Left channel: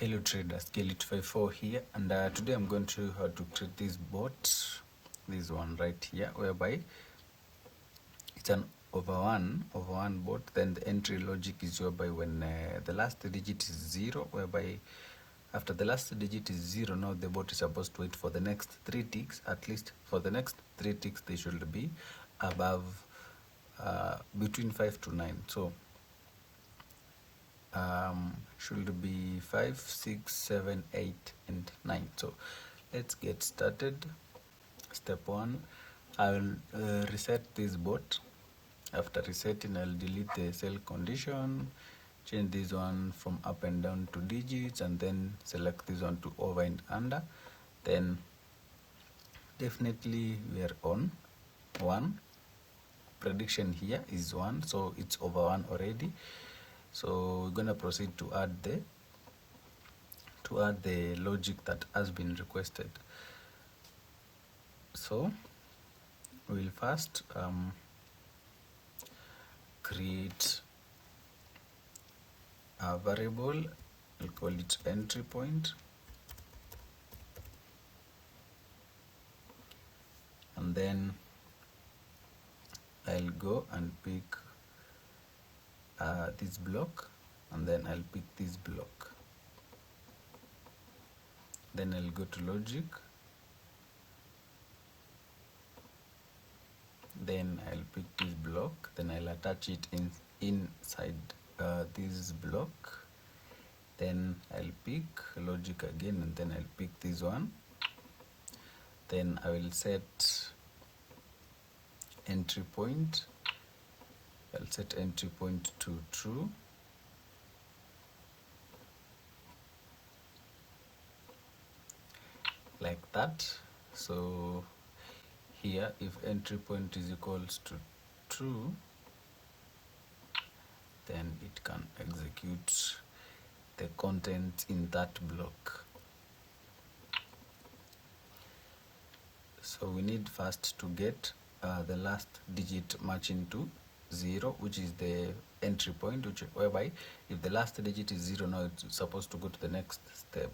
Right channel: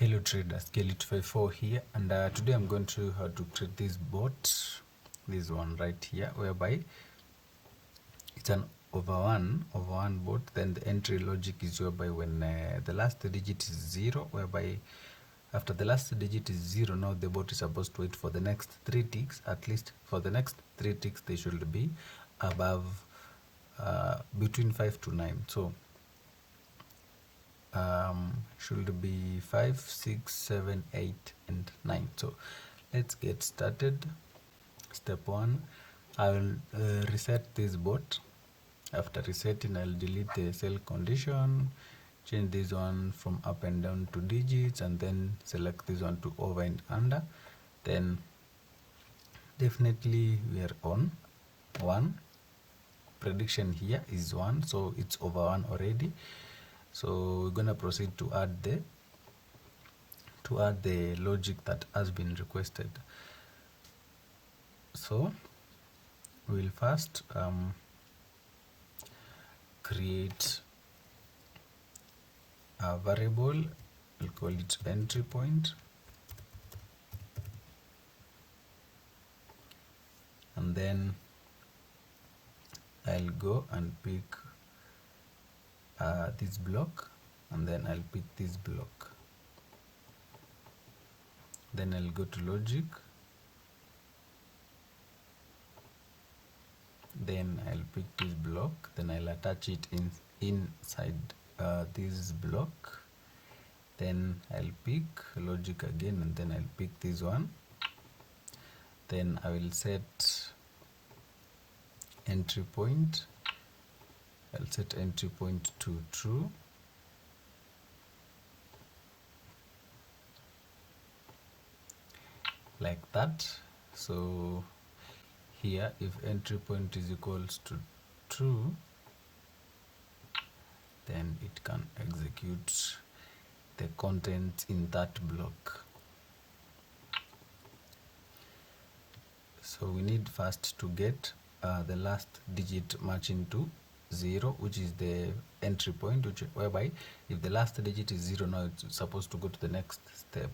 Hello traders, Kelly254 here, and today I'm going to show you how to create this bot, this one right here, whereby it's an over one bot. Then the entry logic is whereby when the last digit is 0, whereby after the last digit is 0, now the bot is supposed to wait for the next 3 ticks. At least for the next 3 ticks they should be above between 5 to 9. So should be 5, 6, 7, 8 and 9. So let's get started. Step 1, I'll reset this bot. After resetting, I'll delete the sell condition, change this one from up and down to digits, and then select this one to over and under. Then definitely we are on 1. Prediction here is 1, so it's over 1 already. So we're gonna proceed to add the logic that has been requested. So we'll first create a variable. We'll call it entry point, and then I'll go and pick this block, and then I'll pick this block. Then I'll go to logic, then I'll pick this block, then I'll attach it inside this block. Then I'll pick logic again, and then I'll pick this one. Then I will set entry point. I'll set entry point to true. Like that. So here, if entry point is equals to true, then it can execute the content in that block. So we need first to get the last digit matching to 0, which is the entry point, whereby if the last digit is 0, now it's supposed to go to the next step.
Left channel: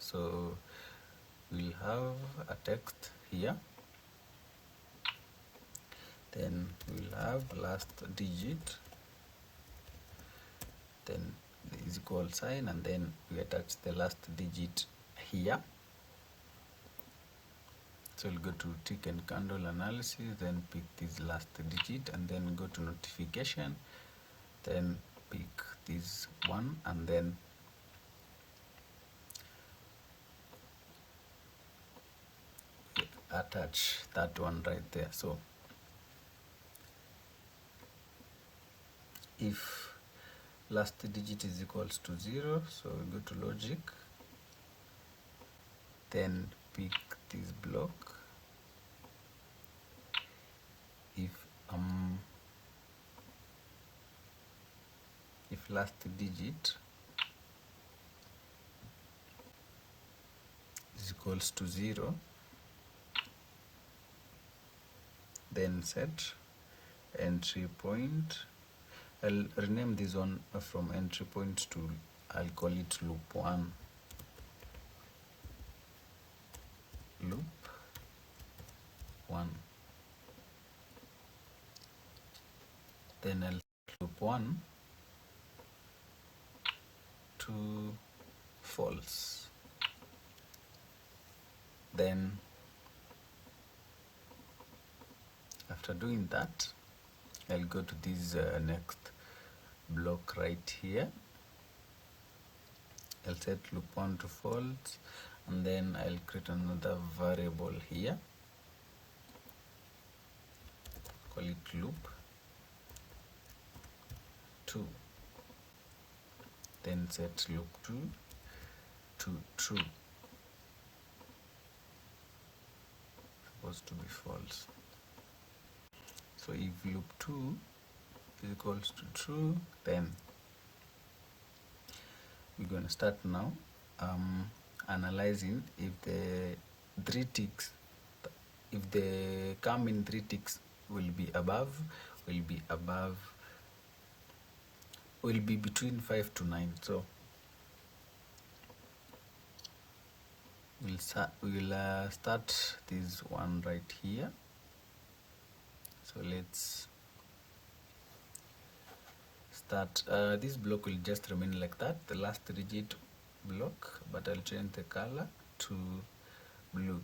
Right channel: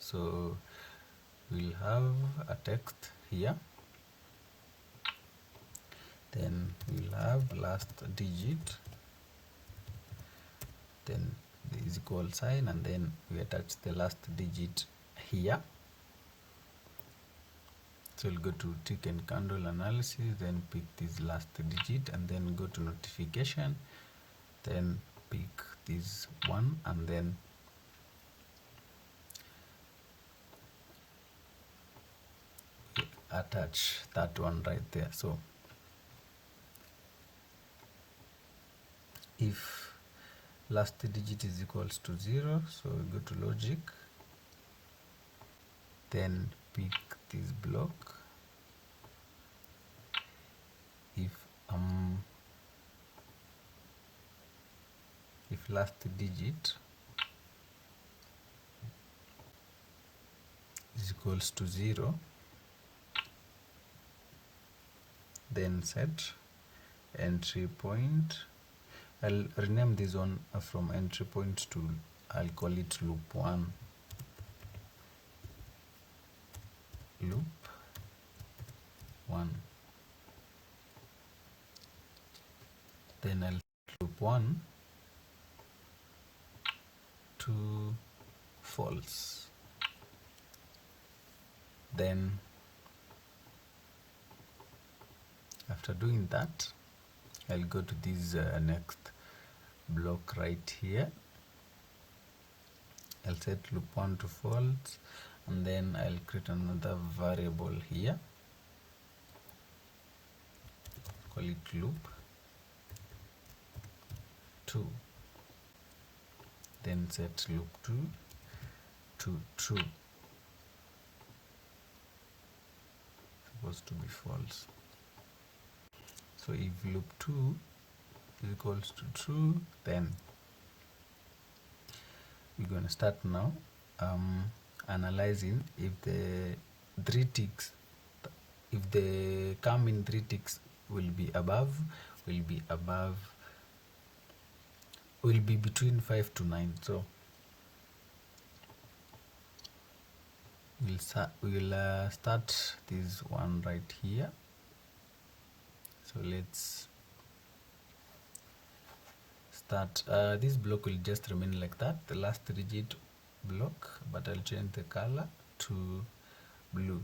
So we'll have a text here, then we'll have last digit, then the is equal sign, and then we attach the last digit here. So we'll go to tick and candle analysis, then pick this last digit, and then go to notification, then pick this one, and then attach that one right there. So if last digit is equals to 0, so we go to logic, then pick this block. If last digit is equals to 0, then set entry point. I'll rename this one from entry point to, I'll call it loop 1. Loop 1. Then I'll loop 1 to false. Then after doing that, I'll go to this next block right here. I'll set loop 1 to false, and then I'll create another variable here, call it loop 2. Then set loop 2 to true, supposed to be false. So if loop 2 is equals to true, then we're going to start now analyzing if the 3 ticks, if the coming 3 ticks will be between 5 to 9. So we'll start this one right here. So let's start. This block will just remain like that, the last digit block, but I'll change the color to blue.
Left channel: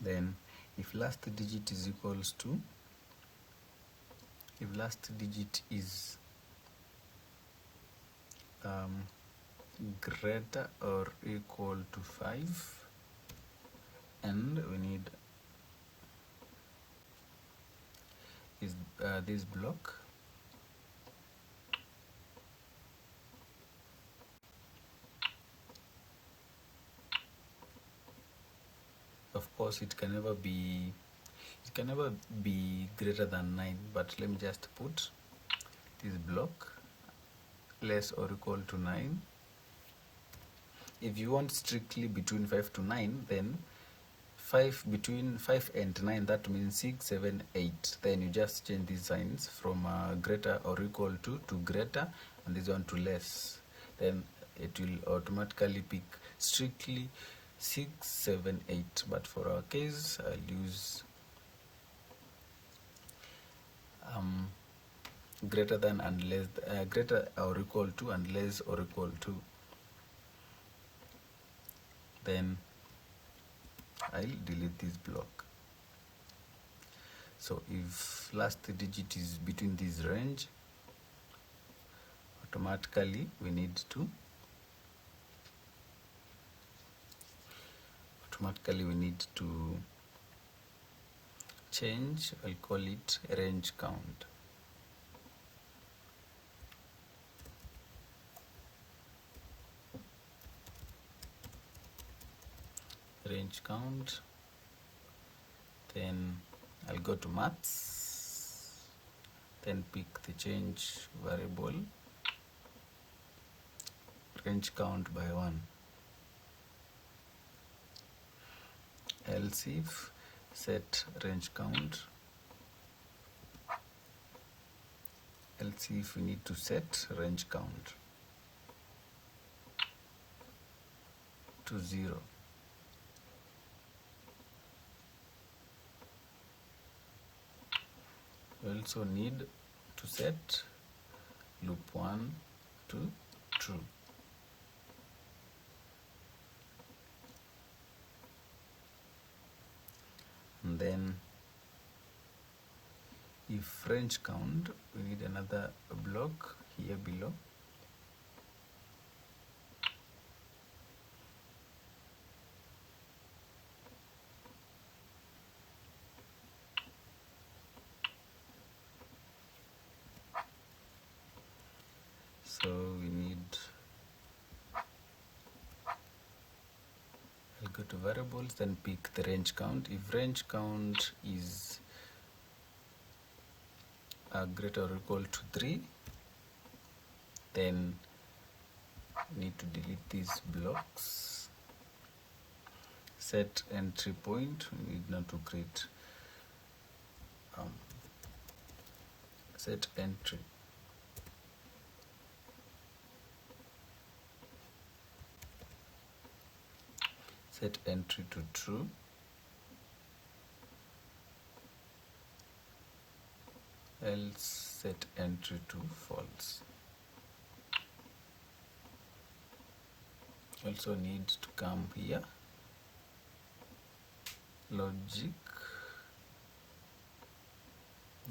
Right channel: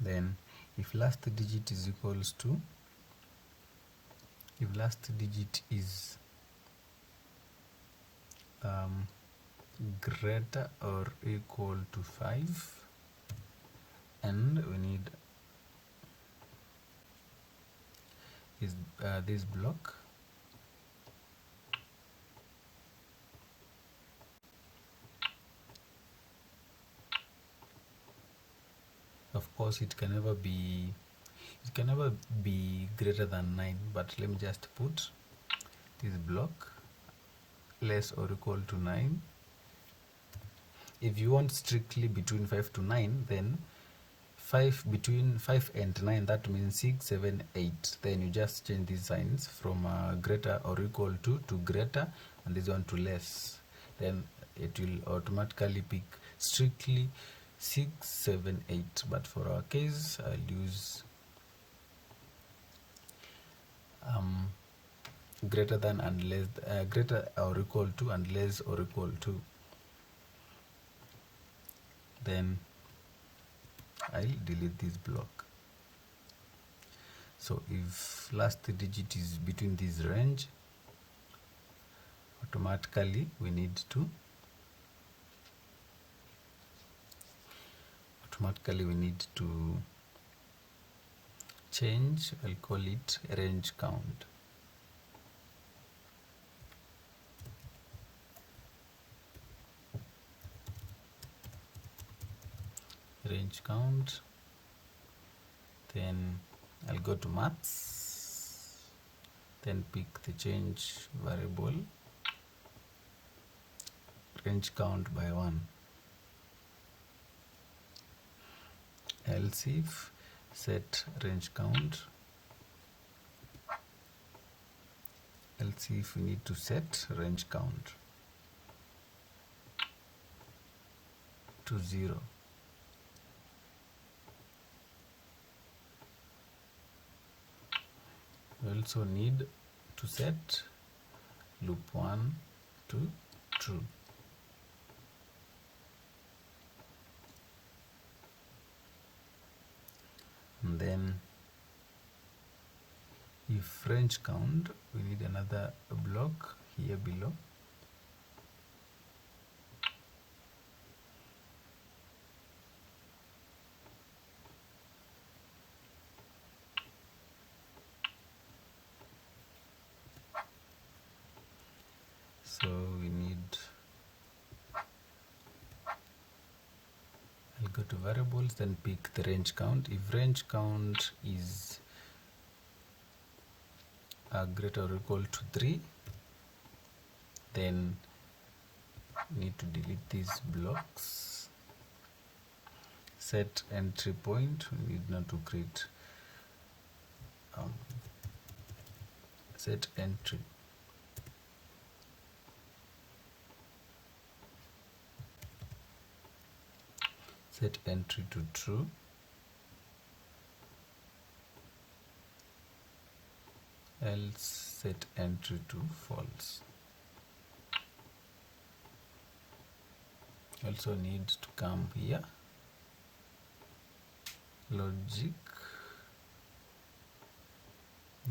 Then if last digit is equals to, if last digit is greater or equal to 5, and we need is this block. Of course it can never be greater than 9, but let me just put this block less or equal to 9. If you want strictly between 5 to 9, then between 5 and 9, that means 6, 7, 8. Then you just change these signs from greater or equal to greater, and this one to less. Then it will automatically pick strictly 6, 7, 8. But for our case, I'll use greater than and less, greater or equal to and less or equal to. Then I'll delete this block. So if last digit is between this range, automatically we need to change. I'll call it range count. Range count. Then I'll go to maths, then pick the change variable, range count by 1. Else if set range count, else if we need to set range count to 0. We also need to set loop 1 to true. And then if range count, we need another block here below. So we need, I'll go to variables, then pick the range count. If range count is greater or equal to 3, then we need to delete these blocks. Set entry point, we need not to create set entry. Set entry to true. Else set entry to false. Also need to come here, logic,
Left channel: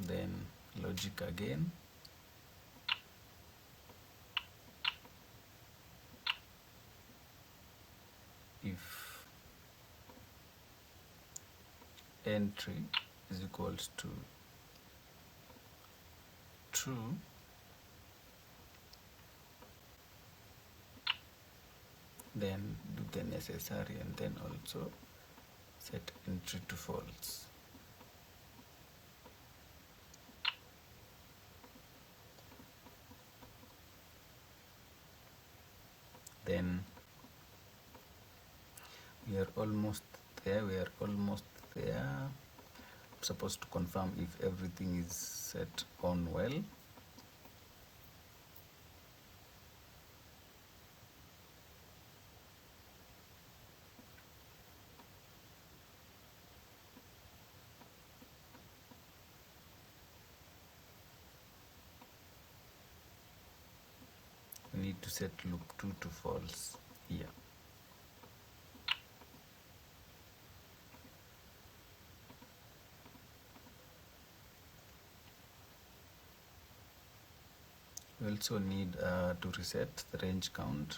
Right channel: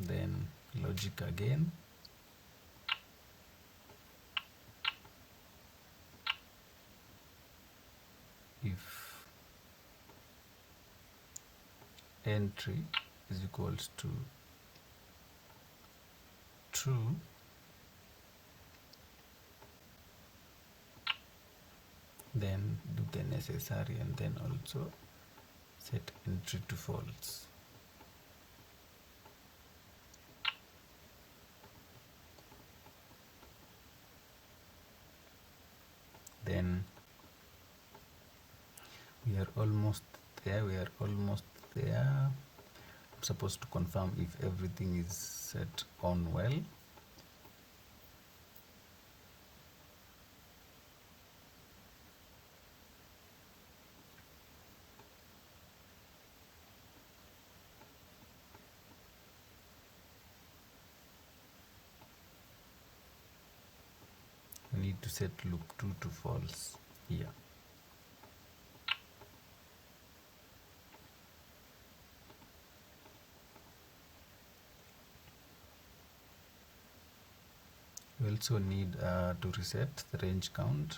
then logic again, if entry is equals to true, then do the necessary and then also set entry to false. Then we are almost there. I'm supposed to confirm if everything is set on well. need to set loop 2 to false here. We also need to reset the range count.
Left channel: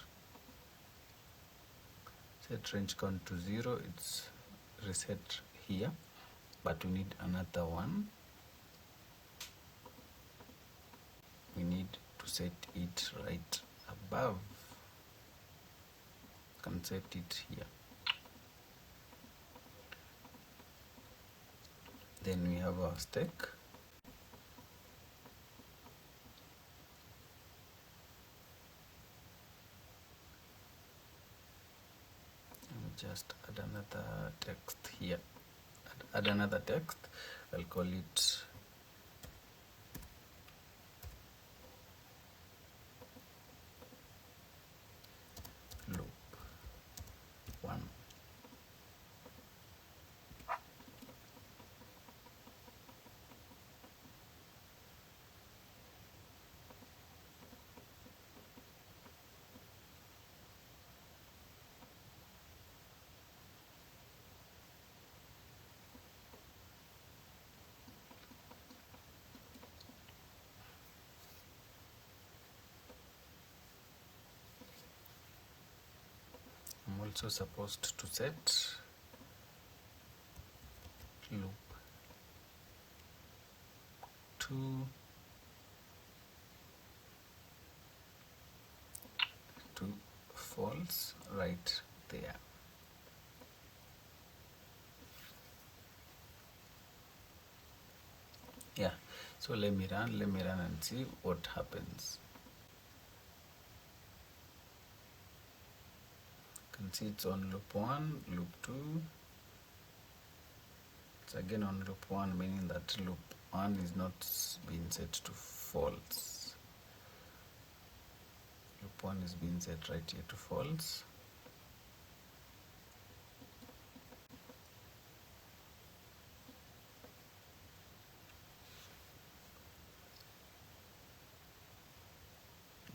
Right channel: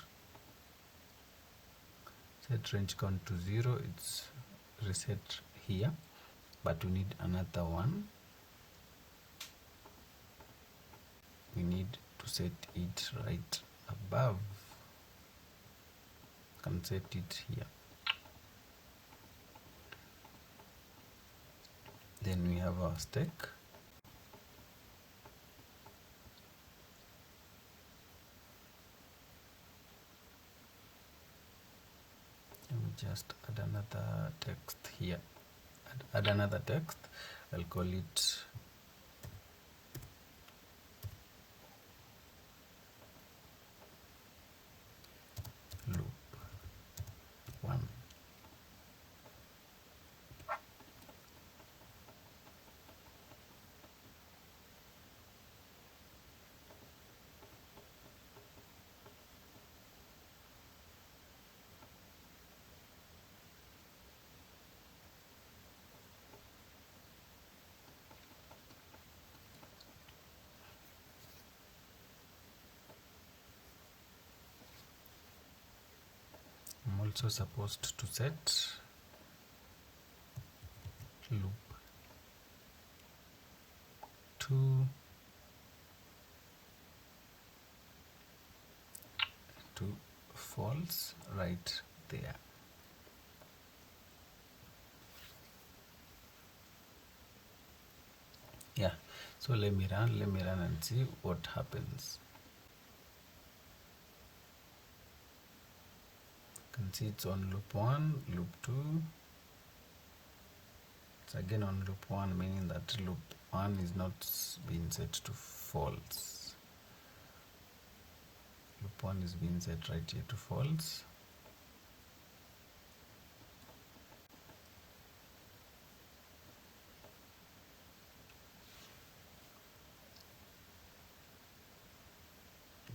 Set range count to 0. It's reset here, but we need another one. We need to set it right above. Can set it here. Then we have our stake. Let me just add another text here. Add another text. I'll call it loop 1. I'm also supposed to set loop 2 to false right there. Yeah, so let me run and see what happens. You can see it's on loop 1, loop 2. It's again on loop 1, meaning that loop 1 is not being set to false. Loop 1 is being set right here to false.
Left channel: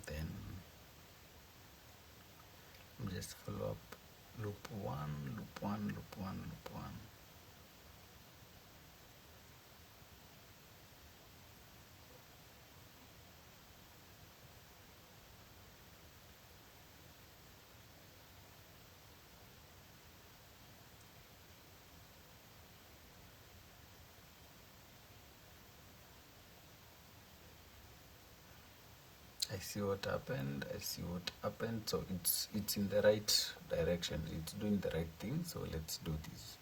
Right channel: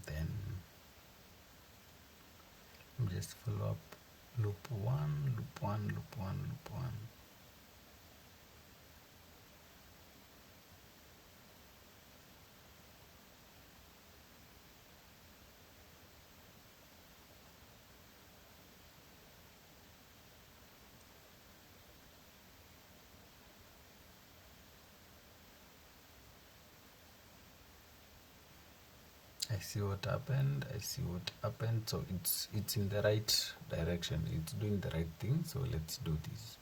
Then just follow up loop 1, loop 1, loop 1, loop 1. I see what happened. So it's in the right direction. It's doing the right thing. So let's do this.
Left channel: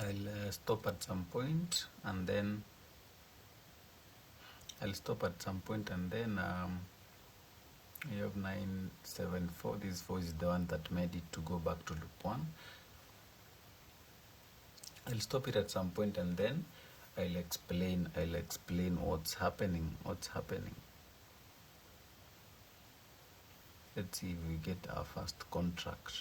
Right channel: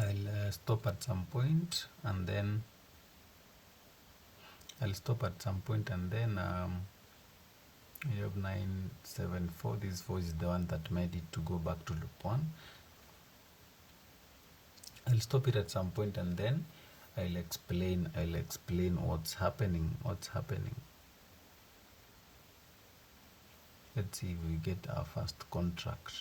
I'll stop at some point, and then we have 974. This 4 is the one that made it to go back to loop 1. I'll stop it at some point, and then I'll explain what's happening. Let's see if we get our first contract.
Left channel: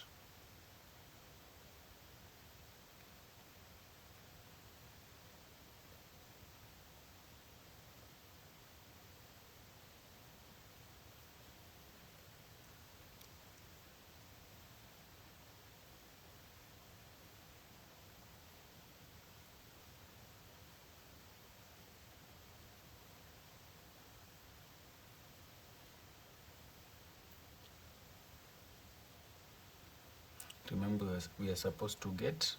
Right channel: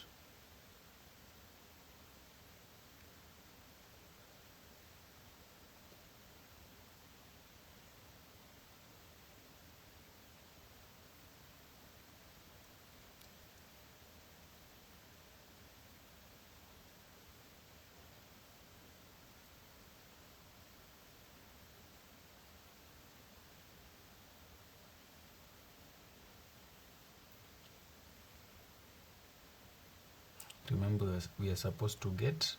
Remember, we are supposed to get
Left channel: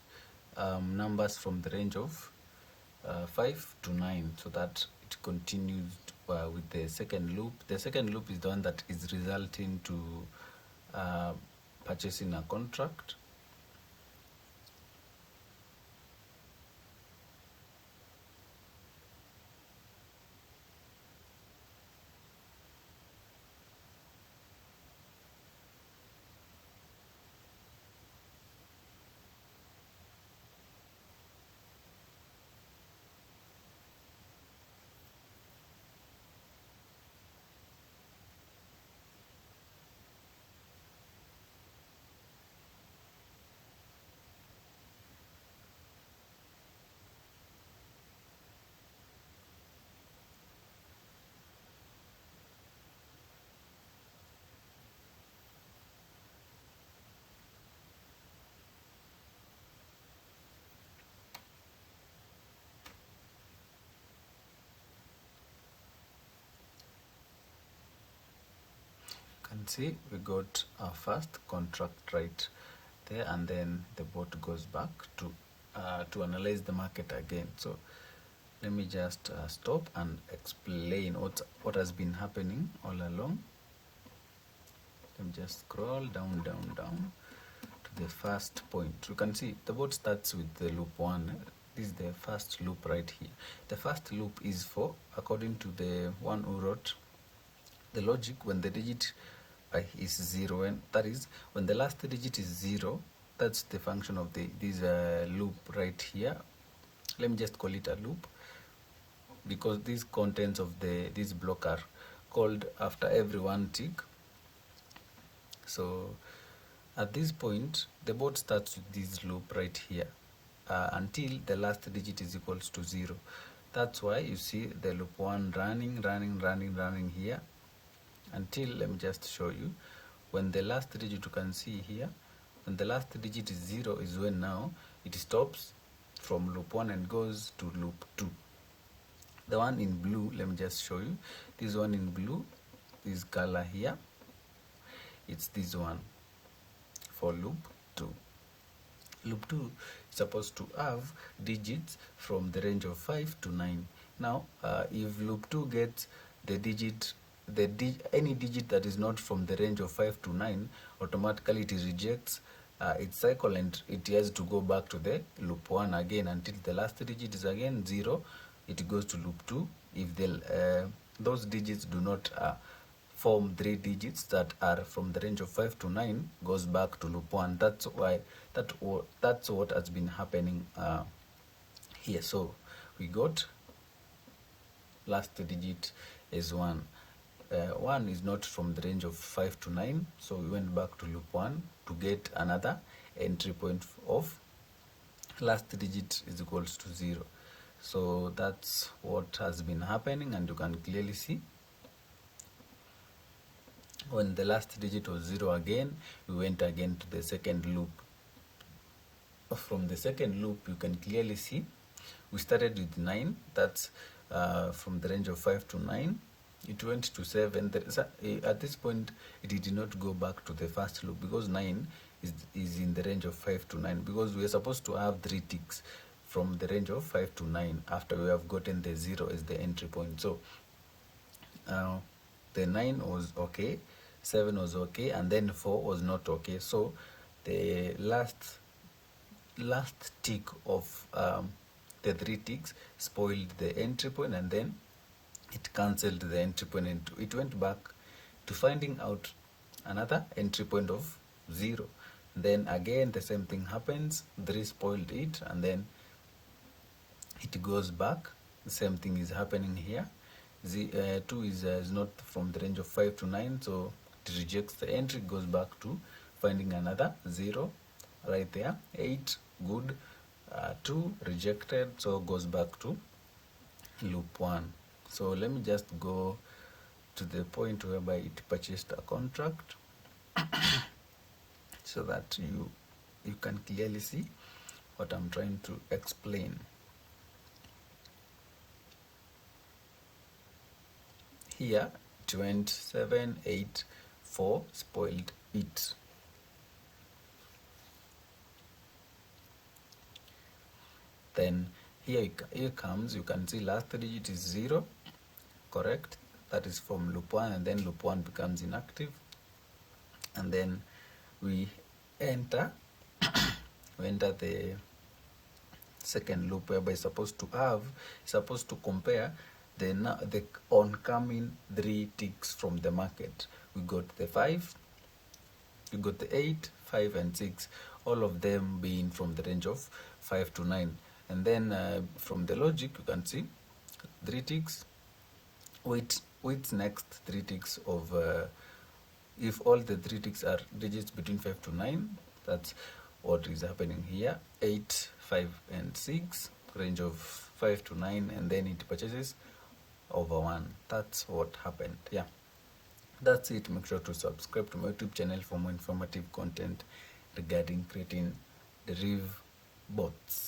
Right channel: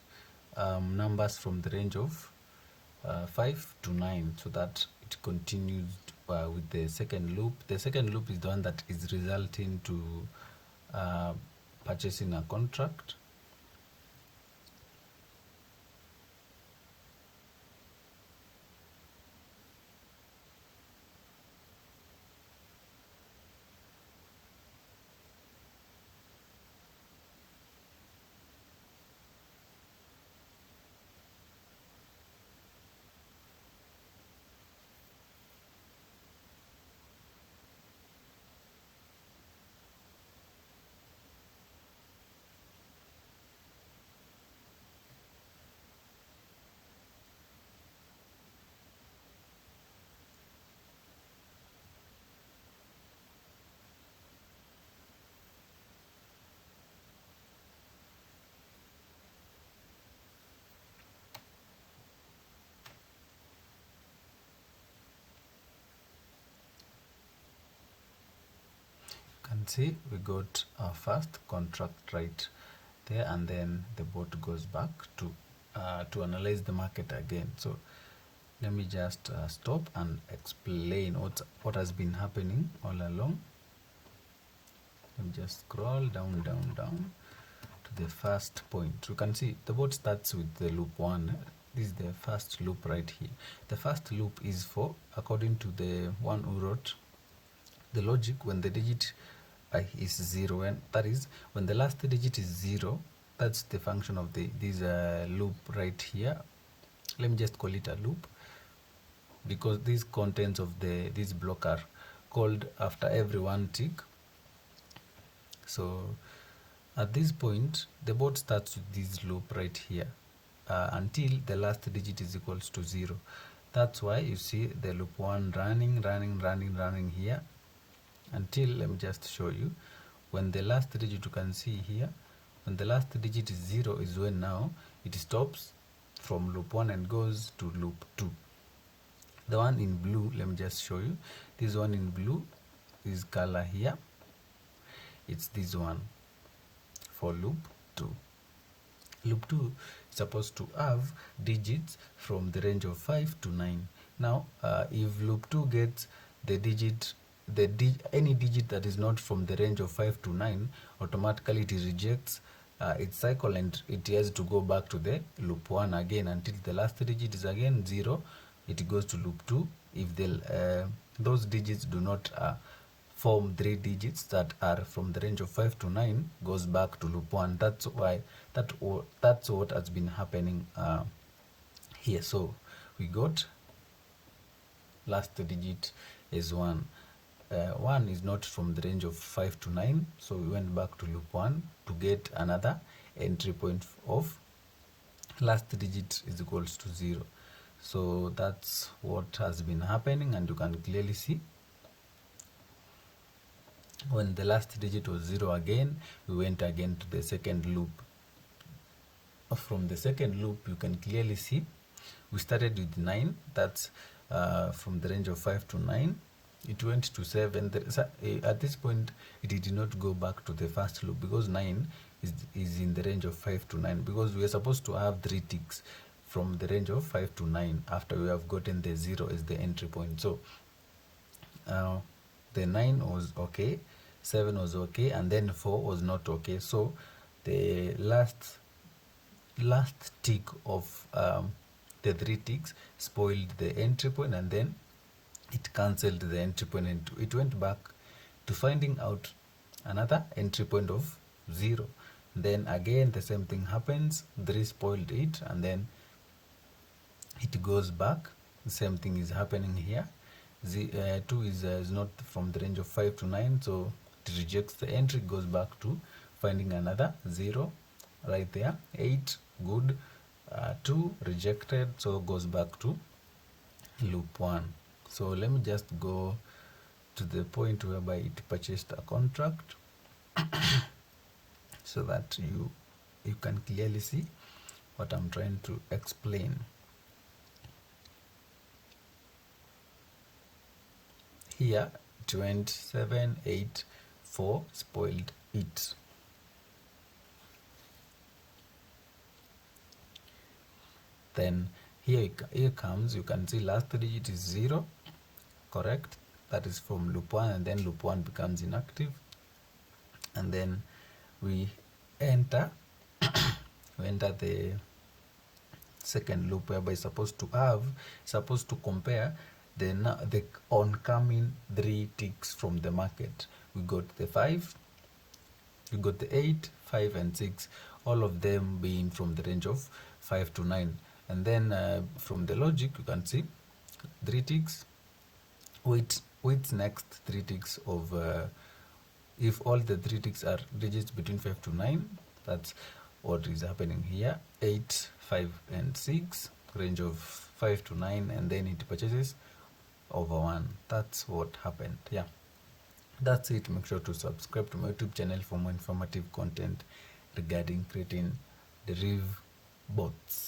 numbers from the range of 5 to 9, so that it continues with the second loop. The second loop is the one that is resulting to purchasing a contract. see we got our first contract right there, and then the bot goes back to analyze the market again. So let me just stop and explain what has been happening all along. Let me just scroll down to the first point. You can see the bot starts with the loop 1. This is the first loop right here. The first loop is for, according to the one who wrote the logic, when the digit is 0, and that is when the last digit is 0, that's the function of this loop right here. Let me just call it a loop, because these contents of this block are called after every one tick. So at this point the bot starts with this loop right here until the last digit is equals to 0. That's why you see the loop 1 running here until, let me just show you, when the last digit, you can see here, when the last digit is 0 is when now it stops from loop 1 and goes to loop 2. The one in blue, let me just show you, this one in blue, this color here, it's this one for loop 2. Loop 2 is supposed to have digits from the range of 5 to 9. Now if loop 2 gets the digit, any digit that is not from the range of 5 to 9, automatically it rejects its cycle and it has to go back to the loop 1 again until the last digit is again 0. It goes to loop 2. If those digits do not form 3 digits that are from the range of 5 to 9, goes back to loop 1. That's why that's what has been happening here. So we got last digit is 1. 1 is not from the range of 5 to 9, so we went back to loop 1 to get another entry point of last digit is equals to 0. So that's what has been happening, and you can clearly see when the last digit was 0 again, we went again to the second loop. From the second loop, you can clearly see we started with 9. That's from the range of 5 to 9. It went to 7. At this point, it did not go back to the first loop because 9 is in the range of 5 to 9, because we are supposed to have 3 ticks from the range of 5 to 9 after we have gotten the 0 as the entry point. So the 9 was okay, 7 was okay, and then 4 was not okay. So the last tick of the 3 ticks spoiled the entry point, and then it cancelled the entry point and it went back to finding out another entry point of 0. Then again the same thing happens, 3 spoiled it, and then it goes back. The same thing is happening here. 2 is not from the range of 5 to 9, so it rejects the entry, goes back to finding another 0 right there. 8 good, 2 rejected, so goes back to loop 1. So let me just go to the point whereby it purchased a contract so that you can clearly see what I'm trying to explain. Here it went 7, 8, 4, spoiled it. Then here comes, you can see last digit is 0, correct? That is from loop 1, and then loop 1 becomes inactive, and then we enter the second loop, whereby supposed to compare the oncoming 3 ticks from the market. We got the 5, we got the 8, 5 and 6, all of them being from the range of 5 to 9. And then from the logic, you can see 3 ticks with next 3 ticks of if all the 3 ticks are digits between 5 to 9, that's what is happening here. 8, 5 and 6, range of 5 to 9, and then it purchases over 1. That's what happened. Yeah, that's it. Make sure to subscribe to my YouTube channel for more informative content regarding creating Deriv bots.